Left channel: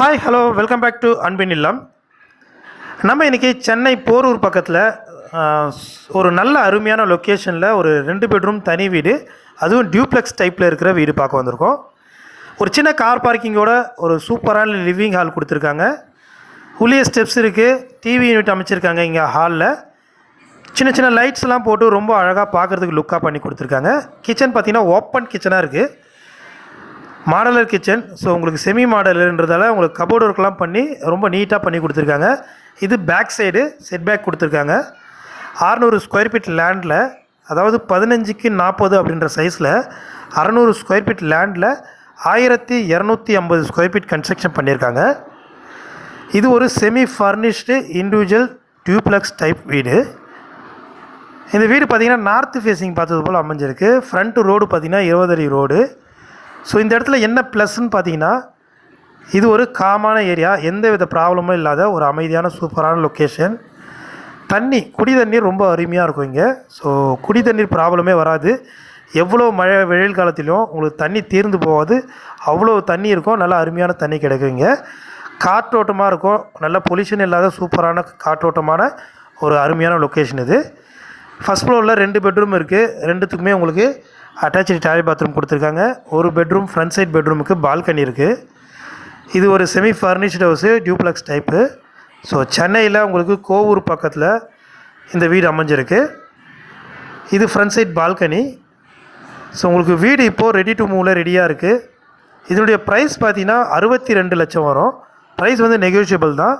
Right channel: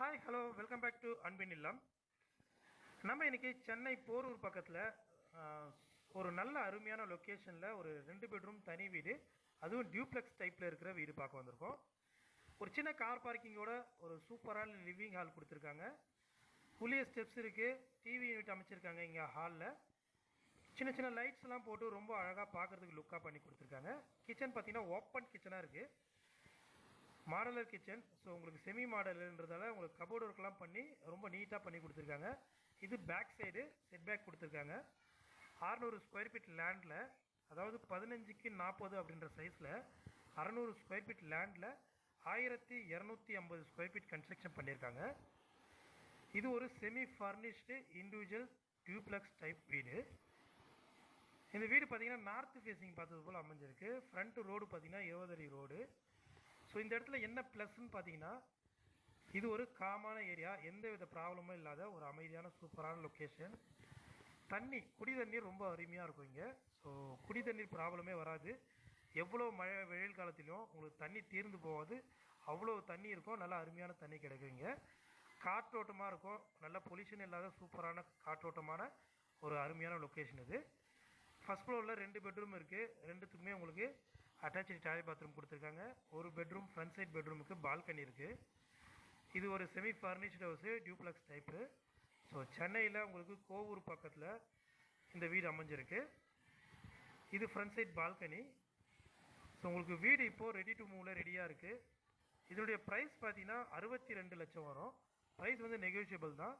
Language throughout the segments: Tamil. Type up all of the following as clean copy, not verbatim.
Hi hello welcome back to அன்பின் இல்லம். நம்ம இன்றைக்கி சென்னை போரூர் பக்கத்தில் ஒரு நல்ல அருமையான லொக்கேஷனில் ஒரு 2 பெட்ரூம் தனி வீடு, அதுவும் டியூப்ளெக்ஸ் டைப்பில் இருக்கிற வீடு பார்க்க வந்திருக்கோம். ஒரு சின்ன கார் பார்க்கிங்கோட ஒரு சூப்பரான லிவிங் ஹால் கொடுத்துருக்காங்க. உள்ளே ஸ்டெப்ஸ் இருக்குது, டிவி யூனிட் அமைச்சிருக்காங்க. இங்கே ஹாலில் சின்ன சின்ன லைட்ஸ்லாம் போட்டு ரொம்ப அழகாக பார்க்குறதுக்கு லுக்காக பண்ணி கொடுத்துருக்காங்க. கிச்சன் பார்த்திங்கன்னா ஓப்பன் கிச்சனாக இருக்குது, மாடலர் கிச்சன். ஸோ உங்களுக்கு செமி மாடலர்ன்றதால உங்களுக்கு கபோர்டு ஒர்க்லாம் பண்ணி ரொம்ப நீட்டாக பண்ணி கொடுத்துருக்காங்க. இது பேக் சைடு செட் பேக் கொடுத்துருக்காங்க. 600 ஸ்கொயர் ஃபீட் லேண்டில், அதாவது 15க்கு 40 அப்படின்ற சைஸில் 600 ஸ்கொயர் ஃபீட் லேண்டில் 1250 ஸ்கொயர் ஃபீட் கன்ஸ்ட்ரக்ஷன் பண்ணியிருக்காங்க. இது ஒரு semi furnished individual duplex type வீடு. இந்த வீடு பார்த்திங்கன்னா நார்த்து ஃபேஸிங் பார்த்தது போல் அமைஞ்சிருக்கு. ஃப்ரண்ட் ரோடு பார்த்திங்கன்னா 20 அடி ரோடு. ஸோ இந்த இடத்துல என்ன ப்ளஸ்ன்னு பார்த்தீங்கன்னா, இது ஒரு காமான ஏரியா, எந்த வித ப்ராப்ளமும் இல்லாத ஒரு அமைதியான சூப்பரான லொக்கேஷன். குடி தண்ணீர் ரொம்ப அருமையாக இருக்கும் இங்கே. ஸோ குடி தண்ணீர் ப்ராப்ளமே வராது. எவ்வளோ மழை வெயில் காலத்திலும் உங்களுக்கு தண்ணி தீர்ந்து போகாது, அவ்வளோ தண்ணி இருக்கும். நல்லா அருமையான தண்ணி கிடைக்கும் இங்கே. காற்றோட்டமாக இருக்கும், நல்ல பொல்யூஷன் இல்லாத சூப்பரான காற்றோட்டமான ஒரு அருமையான லொக்கேஷன் இது. ஃபஸ்ட் ஃப்ளோரில் 2 பெட்ரூம் இருக்குது. 2த்துக்குமே உங்களுக்கு அட்டாச்சு டாய்லெட் பாத்ரூம் கொடுத்துருக்காங்க. ஒரு பெட்ரூம் ஃப்ரண்ட் சைட் பெட்ரூமுக்கு பால்கனி இருக்குது. இது ஒரு semi furnished house, duplex type. So சென்னையில் உங்களுக்கு கோவூர் பக்கத்தில் இந்த வீடு அமைஞ்சிருக்கு. இது ஃப்ரண்ட் சைட் பால்கனி. ஸோ உங்களுக்கு வீடு இப்போது ரெடி டு மூவில் ரெடியாக இருக்குது. இதனுடைய ப்ரைஸ் பார்த்தீங்கன்னா 62 லட்சம் வரும். ப்ரைஸ் வந்து நெகோஷியபிள் தான்.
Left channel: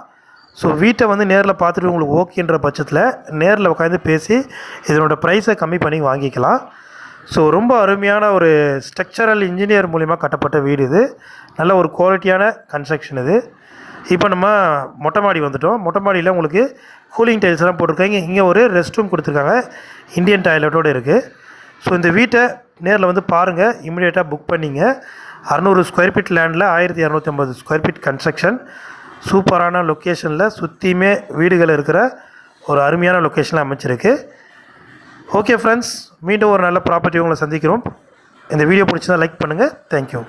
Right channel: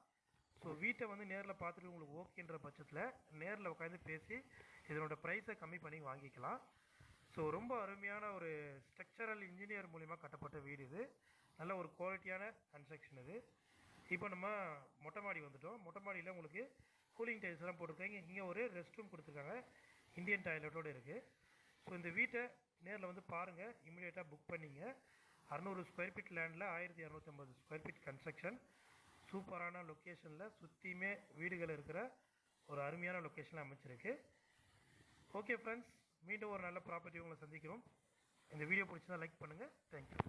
ஸோ வீட்டை வந்து நேரில் பார்த்துட்டு உங்களுக்கு ஓகேன்ற பட்சத்தில் நேரில் உட்காந்து பேசி இதனோட ப்ரைஸை கம்மி பண்ணி வாங்கிக்கலாம். ஸோ ரொம்ப அருமையான ஒரு ஸ்ட்ரக்சரல் இன்ஜினியர் மூலிமா கட்டப்பட்ட வீடு இது. நல்ல ஒரு குவாலிட்டியான கன்ஸ்ட்ரக்ஷன் இது. இப்போ நம்ம மொட்டை மாடி வந்துவிட்டோம். மொட்டை மாடியில் உங்களுக்கு கூலிங் டைல்ஸ்லாம் போட்டிருக்காங்க. இங்கே ஒரு ரெஸ்ட் ரூம் கொடுத்துருக்காங்க, இந்தியன் டாய்லெட்டோடு இருக்குது. ஸோ இந்த வீட்டை நேரில் வந்து பாருங்கள், இமிடியேட்டாக புக் பண்ணிங்க. 600 ஸ்கொயர் ஃபீட் லேண்டில் 1250 ஸ்கொயர் ஃபீட் கன்ஸ்ட்ரக்ஷன், சூப்பரான லொக்கேஷனில் சுற்றியுமே வீடுகள் இருக்கிற ஒரு அருமையான லொக்கேஷனில் அமைச்சிருக்கு. ஓகே ஃப்ரெண்ட்ஸ், மீண்டும் ஒரு நல்ல ப்ராப்பர்ட்டி உங்களை சந்திக்கிறோம். இந்த வீடியோ பிடிச்சதா லைக் பண்ணுங்கள். தேங்க்யூ.